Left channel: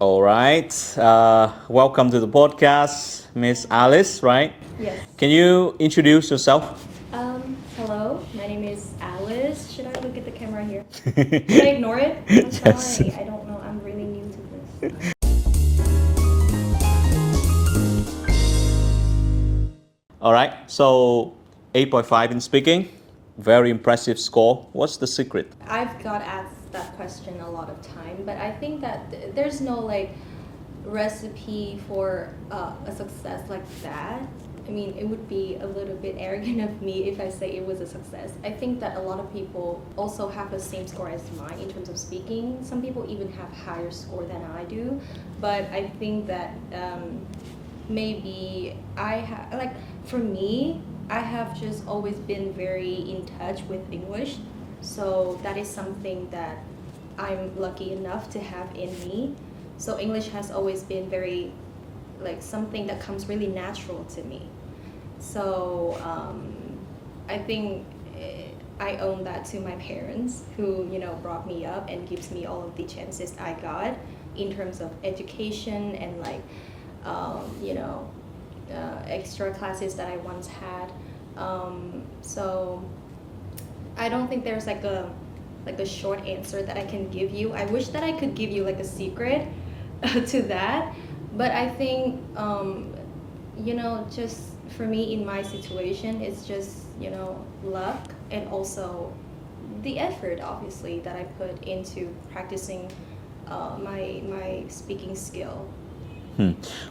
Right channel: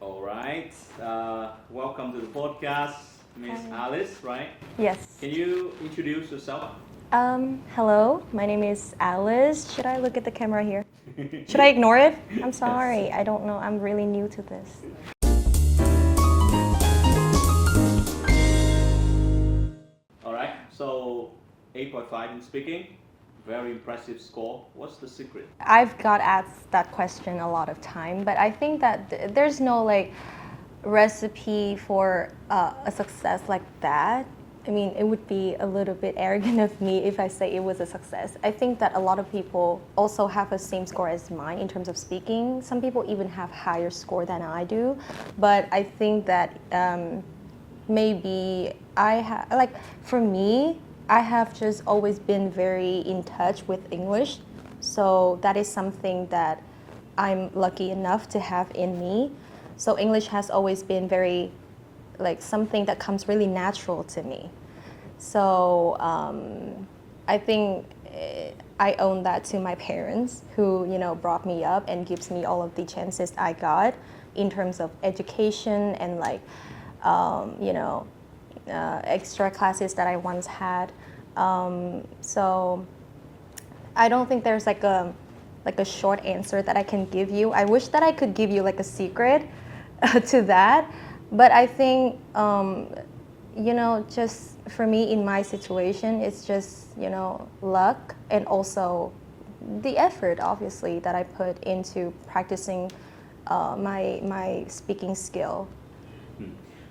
All right. Welcome to the podcast, Miss Alice, right? Yes. Can you introduce yourself? Hello, my name is Alice. Should I look at the camera here? Should I ignore it? I'm Yes. sorry, I don't know. I'm really new to this. All right. So 8.5 in speaking. Very impressive score. What's the secret? I've got asked that question a lot of time, but I think that there's no like recipe for a success like that. I mean, it would be a little bit arrogant of me if I say it was a success. I think that a lot of people also have the same score as mine in terms of speaking. Some people even have higher score than I do, but I think that maybe like for me, I have just always been very in touch with English, so that is something that I'm lucky enough to have in me. So English has always been very like something that comes really natural to me. So I think I owe that to my parents who brought me up and gives me all of the chances I got in terms of education and like extra classes that I once had. So I don't think there's like a short answer that I can give you. I wish that I could give you like a secret to that, but I think just for me in my situation, it's just luck and also the effort obviously that I put into practicing my speaking skill.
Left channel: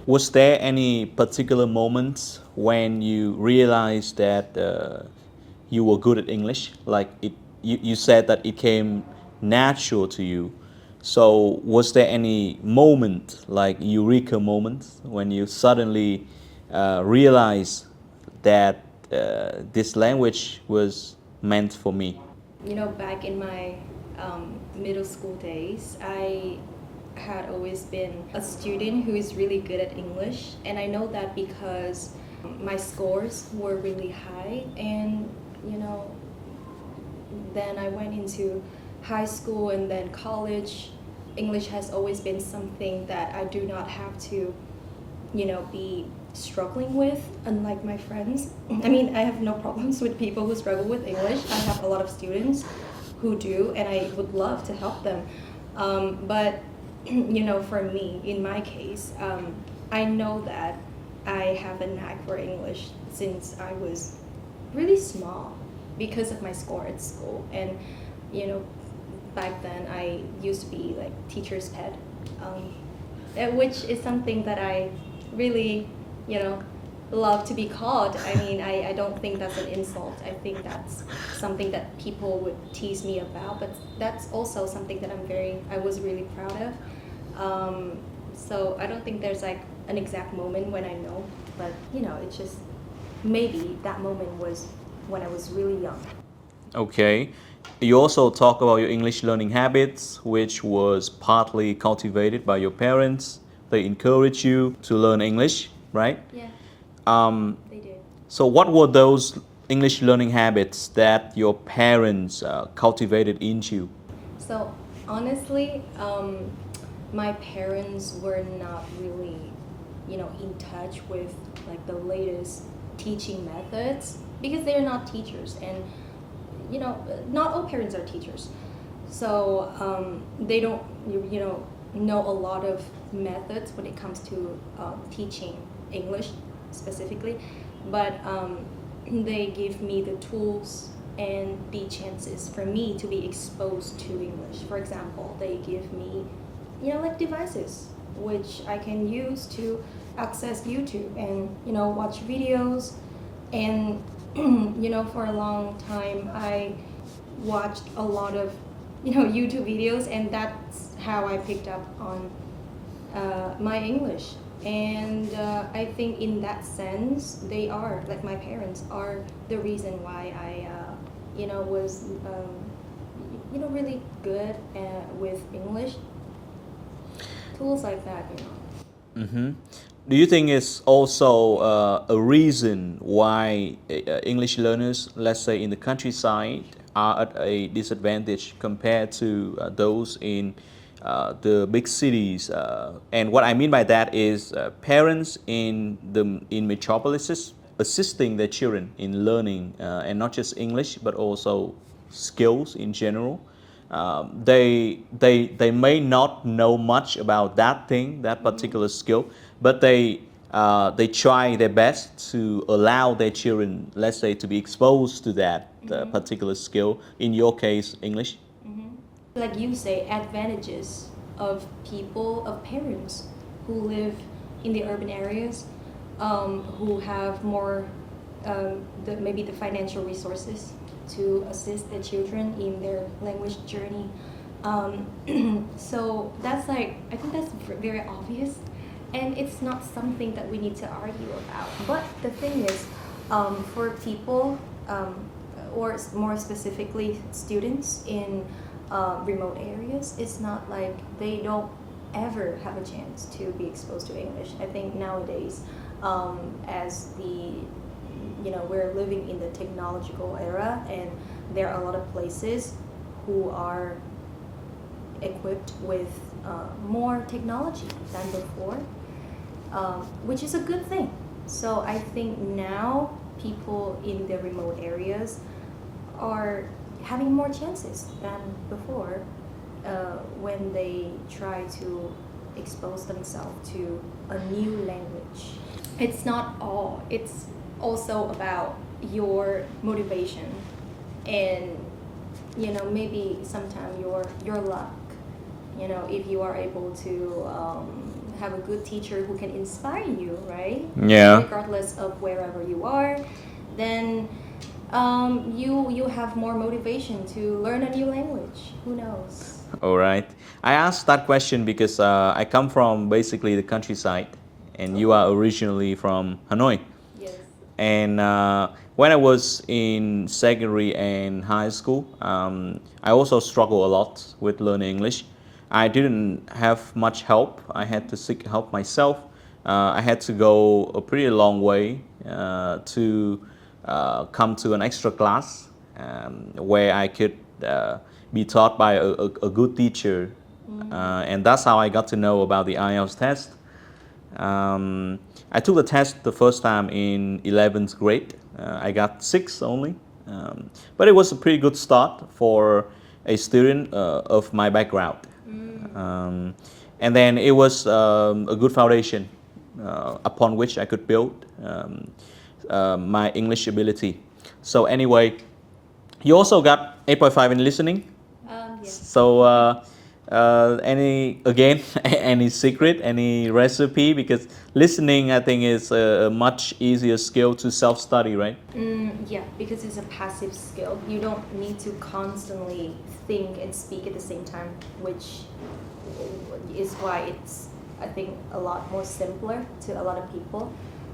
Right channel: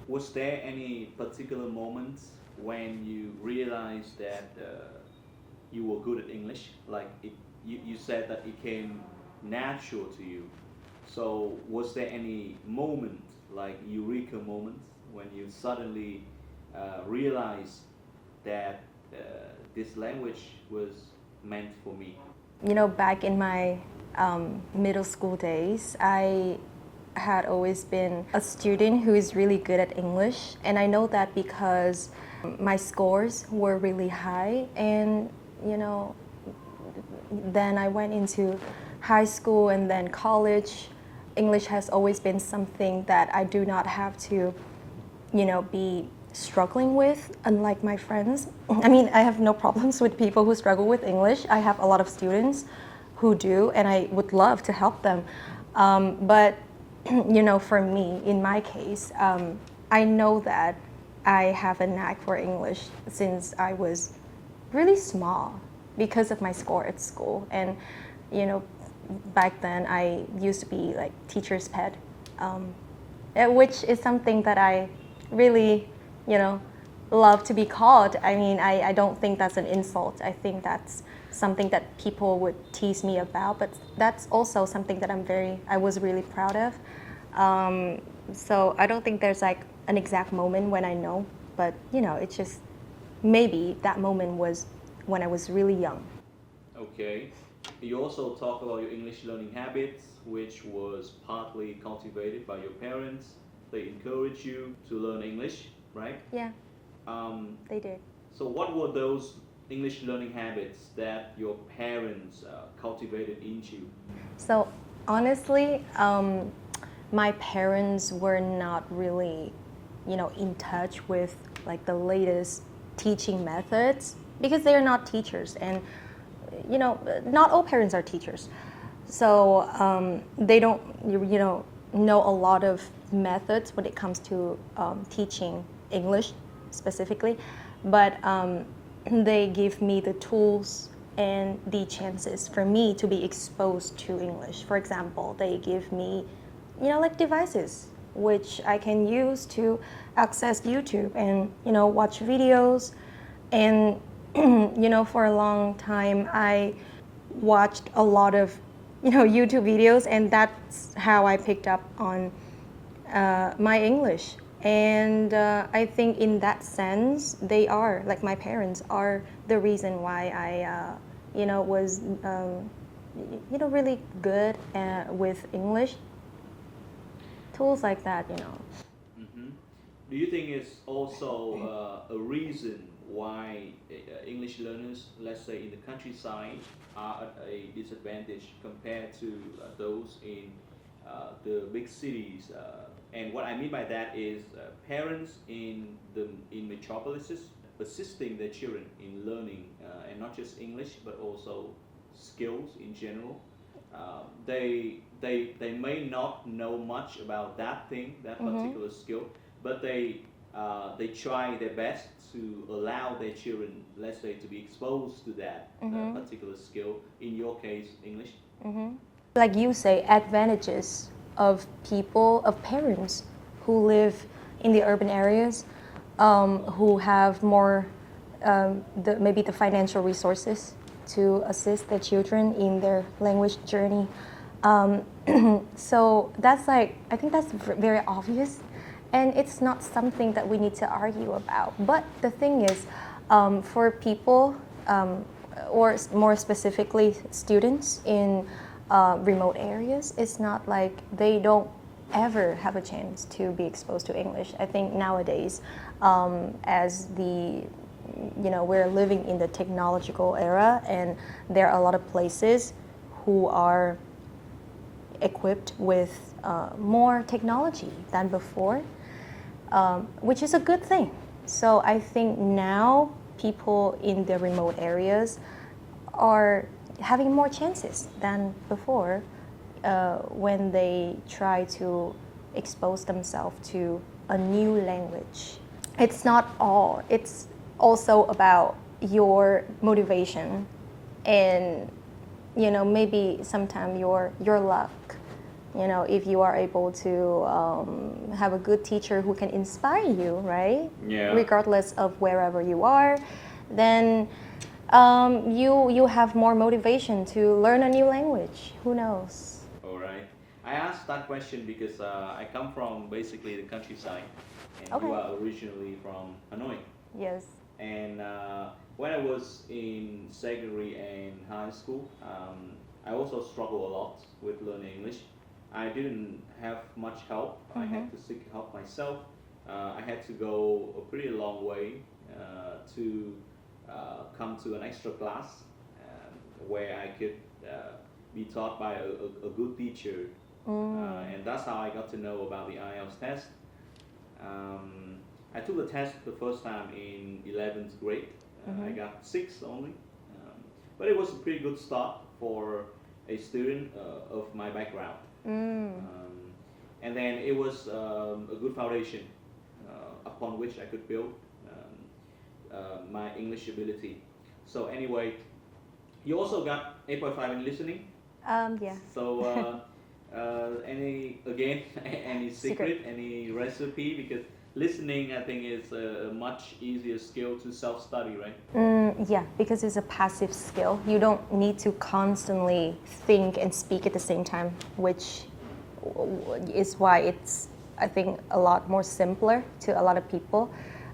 Was there any particular moments when you realized that you were good at English? Like you said that it came natural to you. So was there any moment, like eureka moment, when you suddenly realized that this language was meant for me? Back in my middle school days, I had always been a student who is really good at English, and I know that because my scores were really high, and then I went into high school and then college. English has always been something that I do not have to, be struggling with, unlike my friends. I mean, I have no problems with people who struggle with English. I have a lot of students who do, and I would love to help them. But, for me, in my case, I know that I have a knack for English since I was really small because of my score at school. And, back then I used to be like teacher's pet, which is something that I really, love to be called. I mean, I don't think that's an insult. I think that's something that people would tease me about, but that's also something that I was really proud of. So I don't think there's like an exact moment when I know, but it's just maybe that moment was when I was really young. Okay. You also talk about your English learning habits, which was partly cultivated by your parents. They encourage you to learn English, right? Yeah, Um, they did. so, what were those English learning habits that your parents cultivated into you? So honestly, my parents were not really, in touch with like the latest teaching methods because they're not teachers, and not all parents are teachers. So they don't, know a lot of methods when it comes to teaching English specifically, but they give me the tools and the chances for me to be exposed to English. For example, they give me, like devices which I can use to access YouTube and, watch videos. And, for a long time, I watched a lot of, YouTube videos, and that's how I picked up on my English. And I think in that sense, they are, like my parents are the reason why I, was, really good with English. Tools like that. Mm-hmm. Do you think it's also a reason why English learners, let's say in the countryside, are at a disadvantage compared to those in the big cities. And what I mean by that is parents in metropolises assisting their children in learning, and not just English, but also skills in general. They may not know much about that thing, that particular skill, but they try their best to allow their children, let's say, to be exposed to that particular skill. In your case, English. Like you say, advantages of people, of parents who live in the urban areas, who have more, maybe the financial resources to assist their children in their language journey. Um, so that's like, I think that's very obvious, and it's not something that we need to argue about. But the thing is, for people, or more specifically students in remote areas, it's not like they don't ever have a chance to be exposed to English. I think nowadays, as we're living in the technological era, and there are a lot of places who are equipped with more technology than before, which is a good thing. So I think now people in the remote areas are having more chances than before when they try to expose themselves to a new language. It's not all, it's also about your motivation and maybe sometimes your luck. If you are able to have a good teacher who can inspire you, right? Yeah. Regardless of wherever you are, then you have more motivation to learn a new language. Who knows? All right. I asked that question because I come from basically the countryside, and you are originally from Hanoi. Yes. And when I was in secondary and high school, I also struggled a lot with learning English. I didn't have much help. I had to seek help myself. I had to go a pretty long way to come to an extra class where I could be taught by a good teacher. And that's how I got to know about the IELTS test. I took the test the first time in 11th grade. I got 6 only. But it was a pretty good start for a student of my background. And then it was a good foundation upon which I could build my English ability. So anyway, you also got 8.5 in listening. Yeah. So any secret, any recipe? Because listening, I think, is a much easier skill to self-study, right? Yeah, because it's a passive skill. You don't need to constantly think and speak at the same time, which is why it's, I think, a lot more simpler to a lot of people.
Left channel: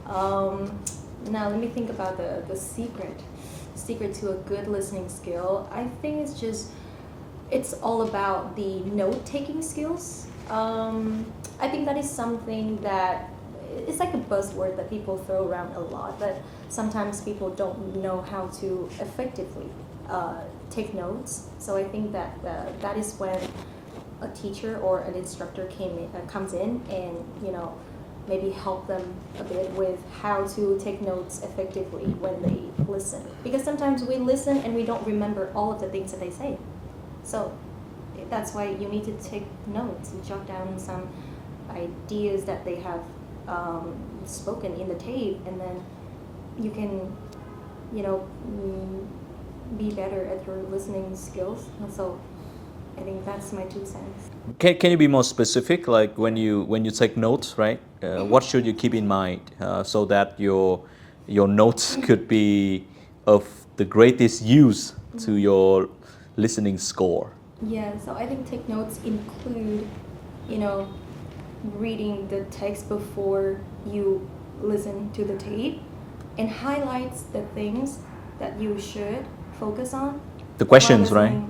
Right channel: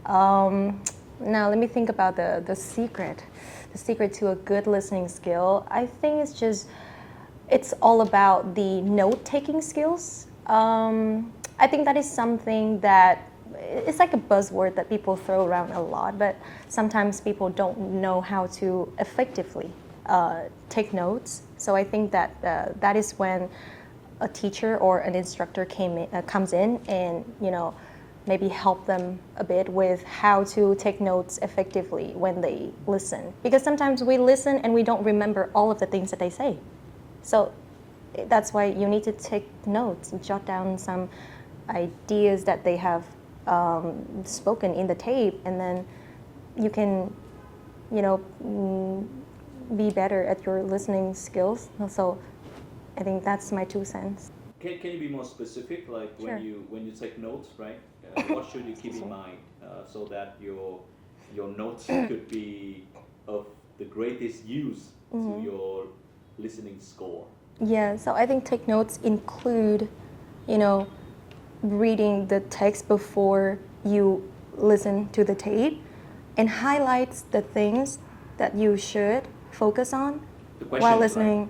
Now, let me think about the secret. The secret to a good listening skill, I think it's all about the note-taking skills. I think that is something that, it's like a buzzword that people throw around a lot, but sometimes people don't know how to effectively take notes. So I think that that is when a teacher or an instructor comes in and maybe help them a bit with how to take notes effectively when they listen. Because sometimes we listen and we don't remember all of the things that they say. So that's why you need to take notes and jot down some ideas that they have spoken in the tape, and then you can, be better at your listening skills. So I think that's my 2 cents. Can you be more specific? Like when you take notes, right? What should you keep in mind so that your notes could be of the greatest use to your listening score? Yeah, so I think take notes include, reading the text before you listen to the tape, and highlights the things that you should focus on. The questions, right?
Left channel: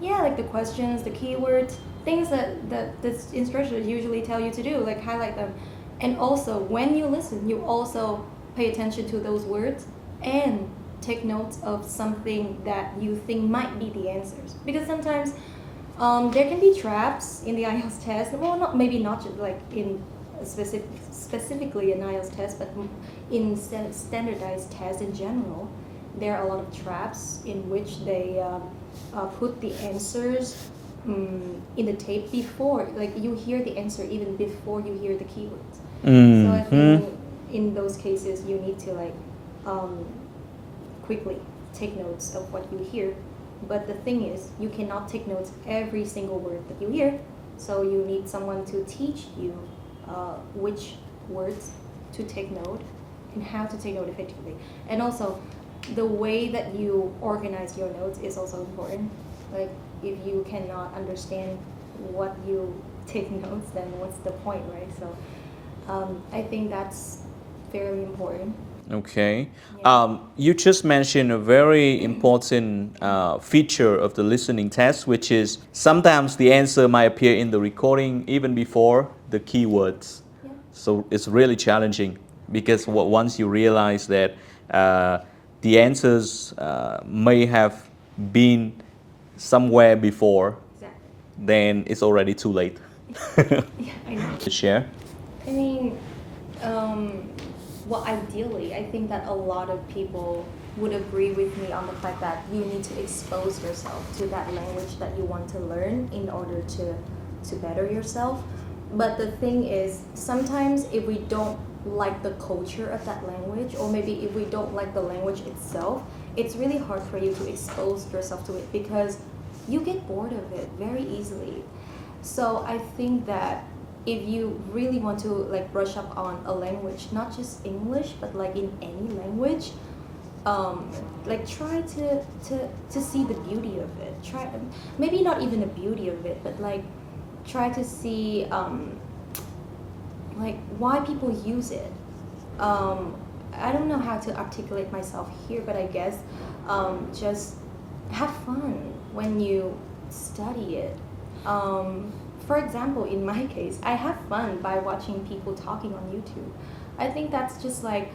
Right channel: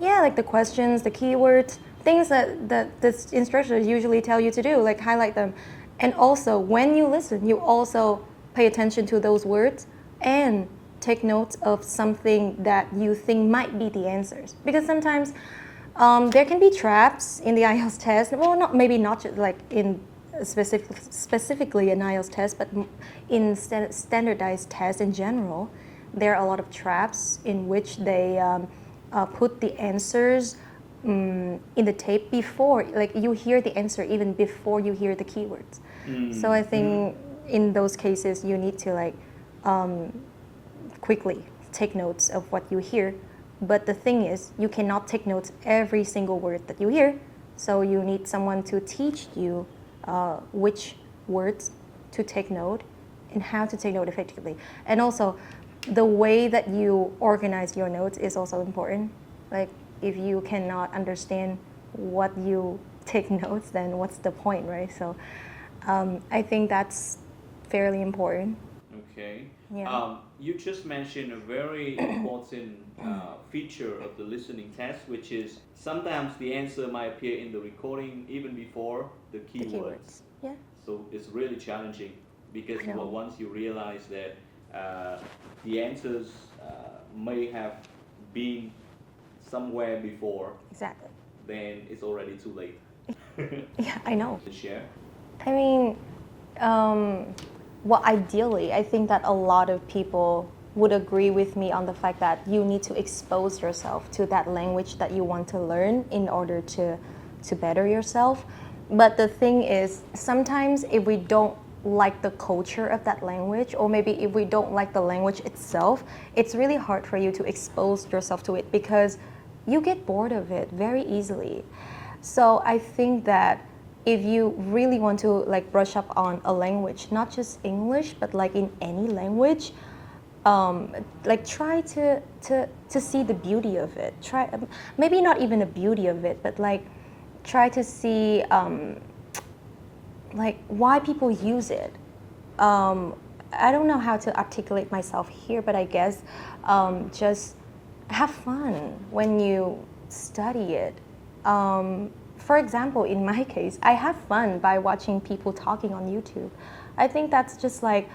Yeah, like the questions, the keywords, things that the instructors usually tell you to do, like highlight them. And also, when you listen, you also pay attention to those words and take notes of something that you think might be the answers. Because sometimes There can be traps in the IELTS test. Well, not maybe not just like in specifically an IELTS test, but in standardized tests in general, there are a lot of traps in which they put the answers in the tape before, like you hear the answer even before you hear the keywords. So I think in those cases you need to like quickly take notes of what you hear. But the thing is, you cannot take notes every single word that you hear. So you need someone to teach you which words to take note and how to take note effectively. And also, the way that you organize your notes is also important. Like, if you cannot understand what you take notes, then what's the point, right? So I think that's fairly important. Okay. Yeah. You just mentioned a very important feature of the listening test, which is sometimes the answer might appear in the recording even before the keywords. Yeah. So it's really challenging because once you realize that the answers may have been somewhere before, Exactly. then it's already too late. Yeah, I know. To share. I mean, well, ideally, I think that a lot of people would agree with me on the fact that you need to expose yourself to that language that you want to learn in order to better yourself. But the thing is, sometimes if we don't like the culture of that language, or maybe if we don't like the language itself, it's really hard for you to expose yourself to it because you get bored of it very easily. So I think that if you really want to like brush up on a language, not just English, but like in any language, like try to see the beauty of it. Try maybe not even the beauty of it, but like try to see like why people use it. I don't know how to articulate myself here, but I guess just have fun when you study it. For example, in my case, I have fun by watching people talking on YouTube. I think that's just like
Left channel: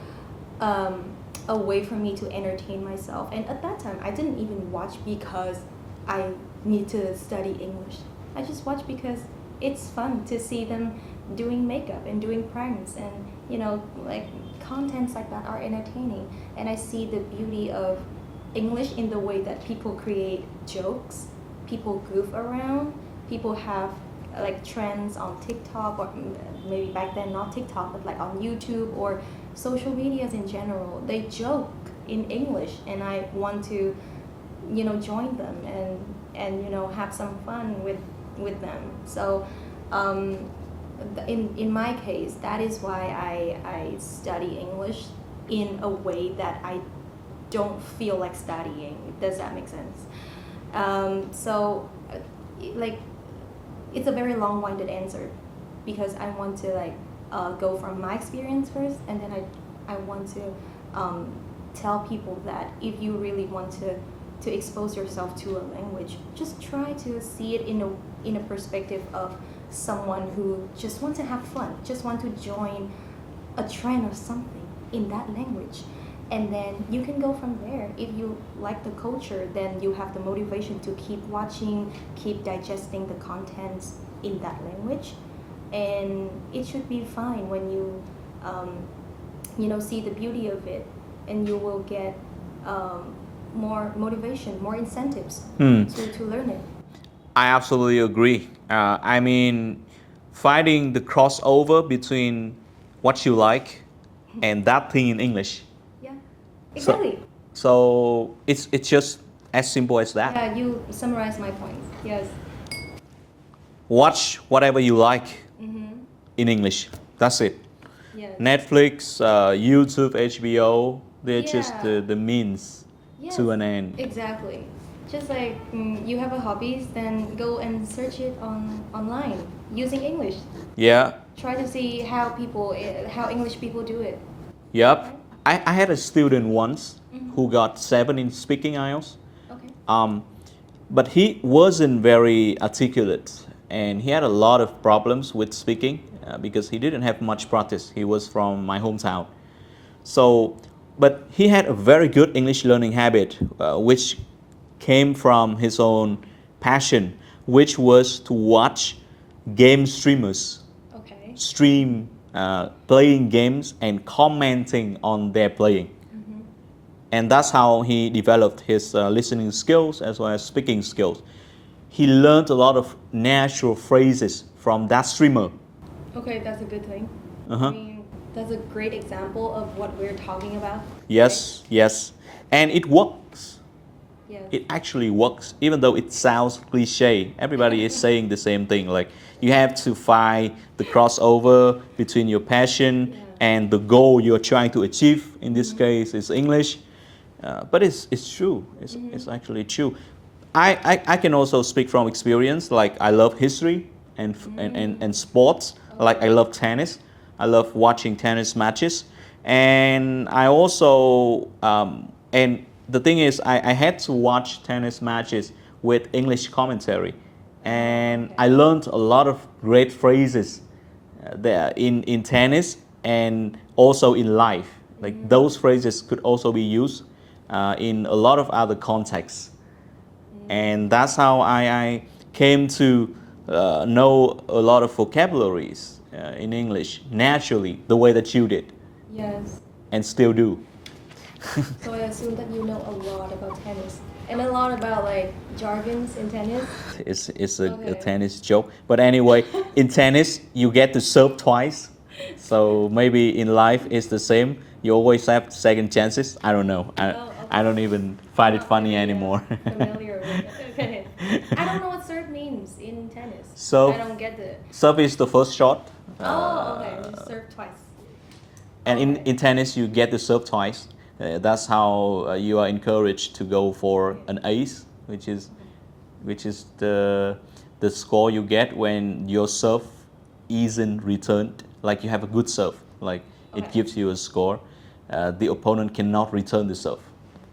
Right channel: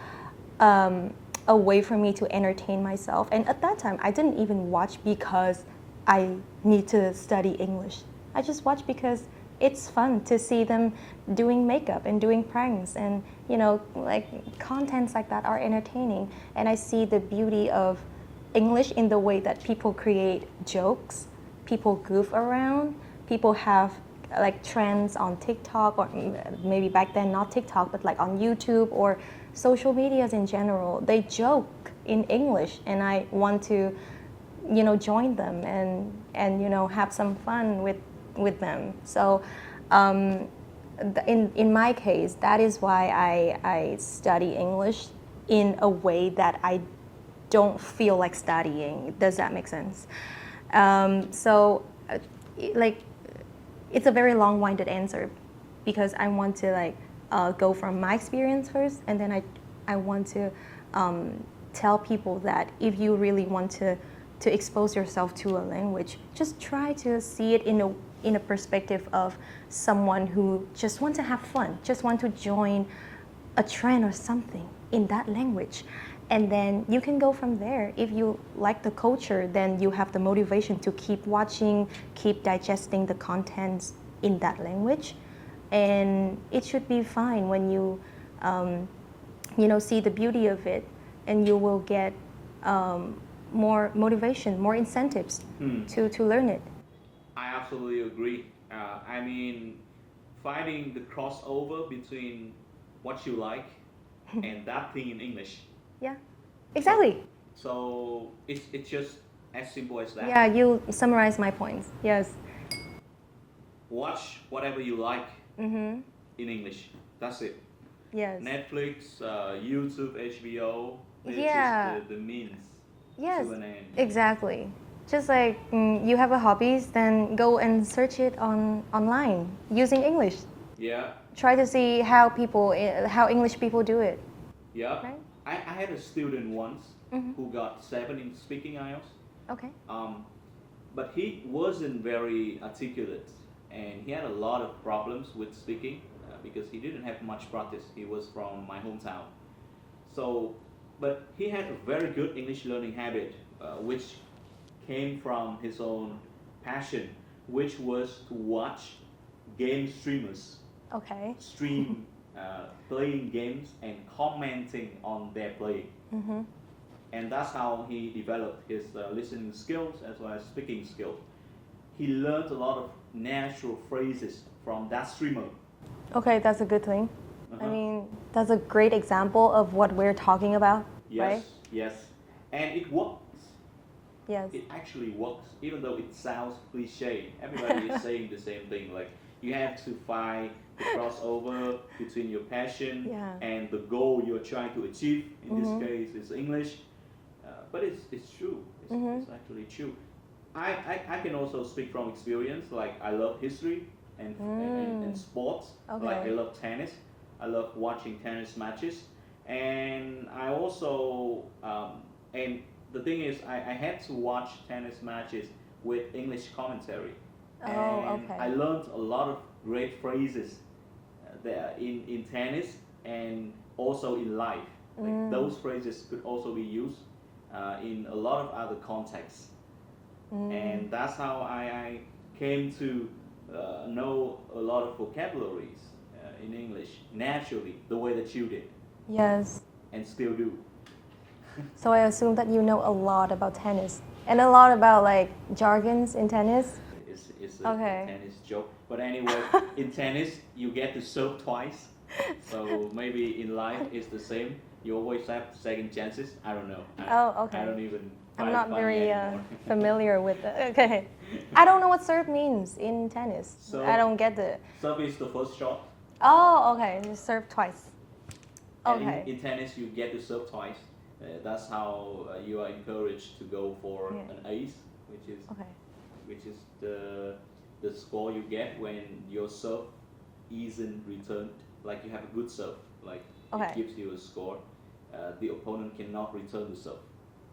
a way for me to entertain myself. And at that time, I didn't even watch because I need to study English. I just watch because it's fun to see them doing makeup and doing pranks, and you know, like contents like that are entertaining. And I see the beauty of English in the way that people create jokes, people goof around, people have like trends on TikTok, or maybe back then not TikTok, but like on YouTube or social medias in general. They joke in English, and I want to, you know, join them and you know, have some fun with them. So in my case, that is why I study English in a way that I don't feel like studying. Does that make sense? So like, it's a very long-winded answer because I want to like go from my experience first, and then I want to tell people that if you really want to expose yourself to a language, just try to see it in a perspective of someone who just want to have fun, just want to join a trend or something in that language. And then you can go from there. If you like the culture, then you have the motivation to keep watching, keep digesting the contents in that language. And it should be fine when you, you know, see the beauty of it, and you will get more motivation, more incentives to learn it. I absolutely agree. I mean, finding the crossover between what you like and that thing in English. Yeah, exactly. So it's just as simple as that. Yeah, you summarize my points. Yes. Watch whatever you like in English. That's it. Yes. Netflix, YouTube, HBO, they're just Yeah. the means Yes, to an end. exactly. Just like you have a hobbies, then go and search it online using English. Yeah. Try to see how English people do it. Yep. I had a student once who got 7 in speaking IELTS. Okay. But he wasn't very articulate, and he had a lot of problems with speaking because he didn't have much practice. He was from my hometown. So, but he had a very good English learning habit, which came from his own passion which was to watch game streamers Okay. stream playing games and commenting on their playing. And that's how he developed his listening skills as well as speaking skills. He learned a lot of natural phrases from that streamer. Okay, that's a good thing. Uh-huh. I mean, that's a great example of what we're talking about. Yes, yes. And it works. Yes. It actually works, even though it sounds cliche. Everybody is saying the same thing. Like, you have to find the crossover between your passion Yeah. and the goal you're trying to achieve. In this case, it's English. But it's true. It's actually true. I can also speak from experience. Like, I love history and sports. Like, I love tennis. I love watching tennis matches. And I also, and the thing is, I had to watch tennis matches with English commentary. And okay. I learned a lot of great phrases there in tennis and also in life. Like, those phrases could also be used in a lot of other contexts. And that's how I came to know a lot of vocabularies in English naturally, the way that you did, Yes. and still do. So I assume that you know a lot about tennis and a lot about like jargons in tennis. It's a Okay. tennis joke. But anyway, in tennis, you get to serve twice. So maybe in life it's the same. You always have second chances. I don't know. Oh, okay. I don't even find it Not funny very, anymore. familiar with it. Okay. I don't know what serve means in tennis. So- I don't get the. Serve is the first shot. Oh, okay. Serve twice. And Okay. in tennis, you get to serve twice. That's how you are encouraged to go for an ace, which is Okay. the score you get when your serve isn't returned. Like, you have a good serve, like it Okay. gives you a score. The opponent cannot return the serve.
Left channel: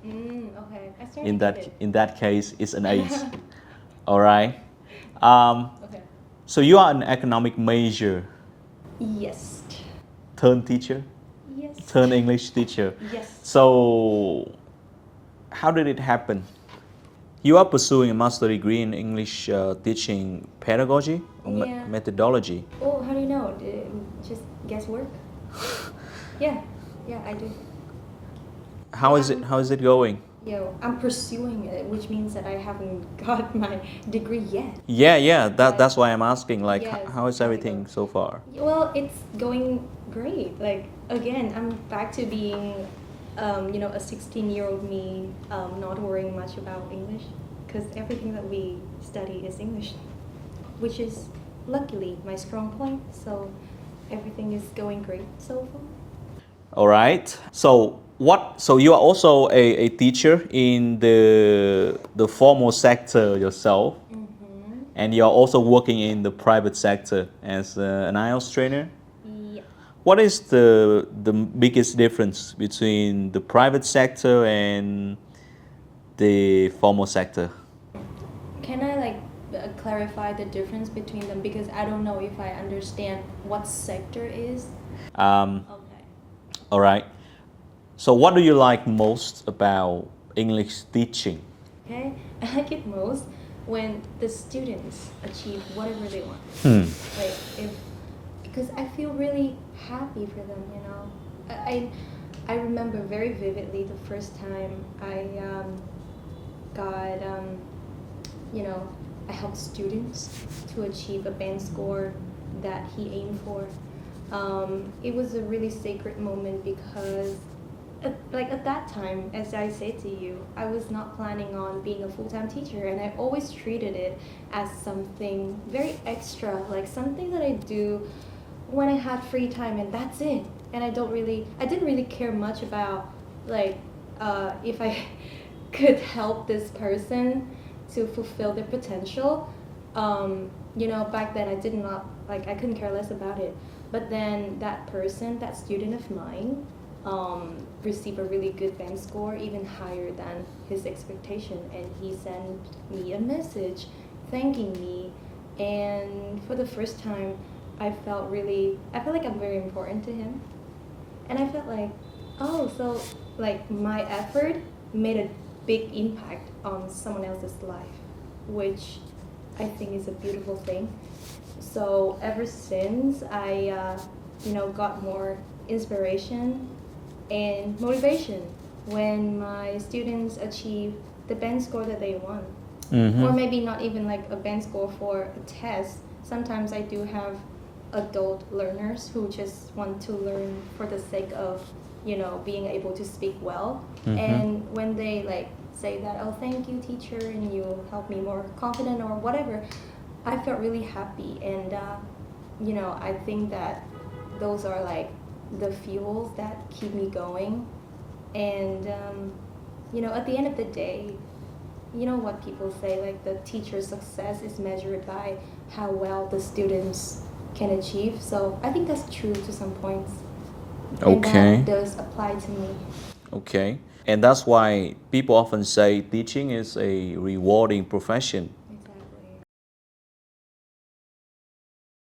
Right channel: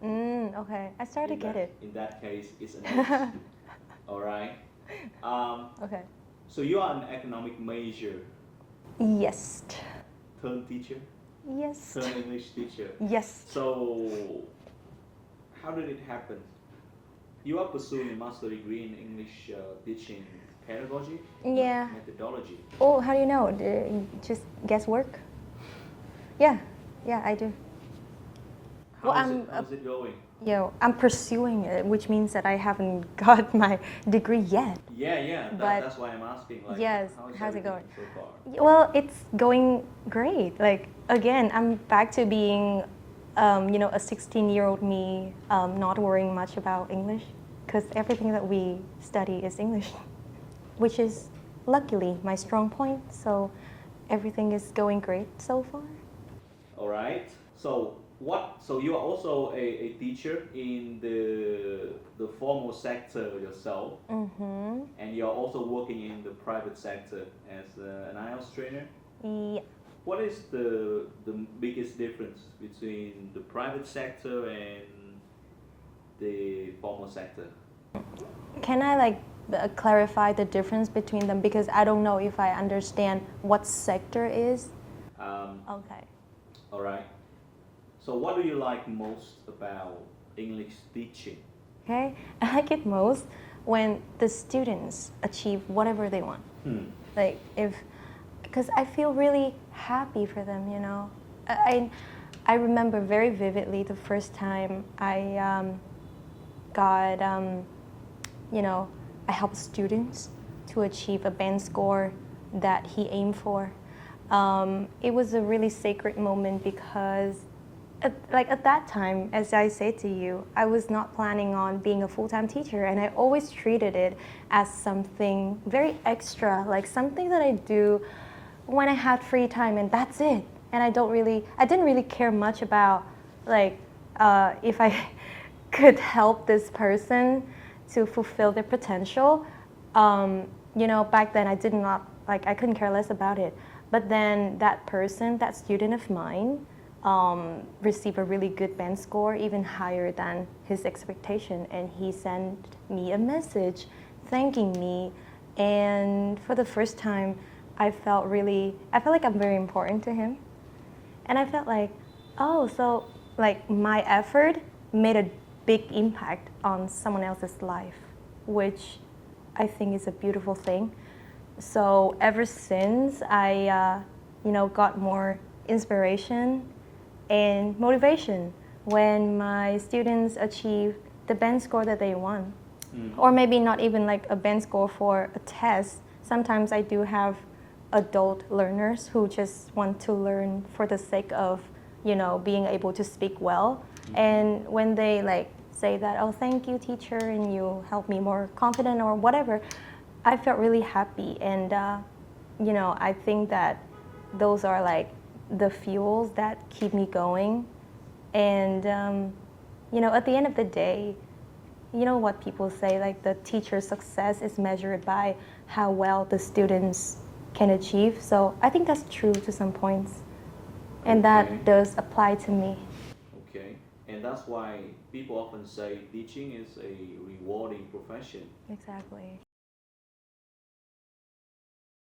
Okay. I started In to get that it. in that case, it's an ace. All right. Okay. So you are an economic major, Yes. turn teacher, Yes. turn English teacher. Yes. So, how did it happen? You are pursuing a master degree in English teaching pedagogy or Yeah. methodology. Oh, how do you know? Just guesswork? Yeah. Yeah, I do. How is it? How is it going? I'm pursuing it, which means that I haven't got my degree yet. Yeah. But- That's why I'm asking. Like, Yes, how is how's it everything going? so far? Well, it's going great. Like, again, I'm back to being, a 16-year-old me, not worrying much about English, because everything that we study is English, which is luckily my strong point. So everything is going great so far. All right. So what? So you are also a teacher in the formal sector yourself, and you are also working in the private sector as an IELTS trainer. Yeah. What is the biggest difference between the private sector and the formal sector? Can I clarify the difference between them, because I don't know if I understand what sector is. Okay. All right. So what do you like most about English teaching? Okay. I like it most when the students achieve whatever they want. Like, because I feel really happy for them, you know. I remember very vividly the first time I got, I helped students to achieve a band score that he aimed for. It was a really sacred moment because at that time, as I said to you, I was not planning on being a full-time teacher, and I always treated it as something very extra, like something that I do when I had free time, and that's it. And I didn't really care much about if I could help this person to fulfill their potential. Back then I couldn't care less about it. But then that person, that student of mine, received a really good band score, even higher than his expectation, and he sent me a message thanking me. And for the first time, I felt like I'm very important to him, and I felt like, so my effort made a big impact on someone else's life, which I think is a beautiful thing. So ever since I, got more inspiration and motivation when my students achieve the band score that they want. Or maybe not even like a band score for a test. Sometimes I do have adult learners who just want to learn for the sake of, being able to speak well. And when they like say that, oh, thank you, teacher, and you help me more confident or whatever, I felt really happy. And, I think that those are like the fuels that keep me going. And, at the end of the day, you know what people say, like the teacher's success is measured by how well the students can achieve. So I think that's true to some points. And Okay. that does apply to me. Okay. And that's why people often say teaching is a rewarding profession.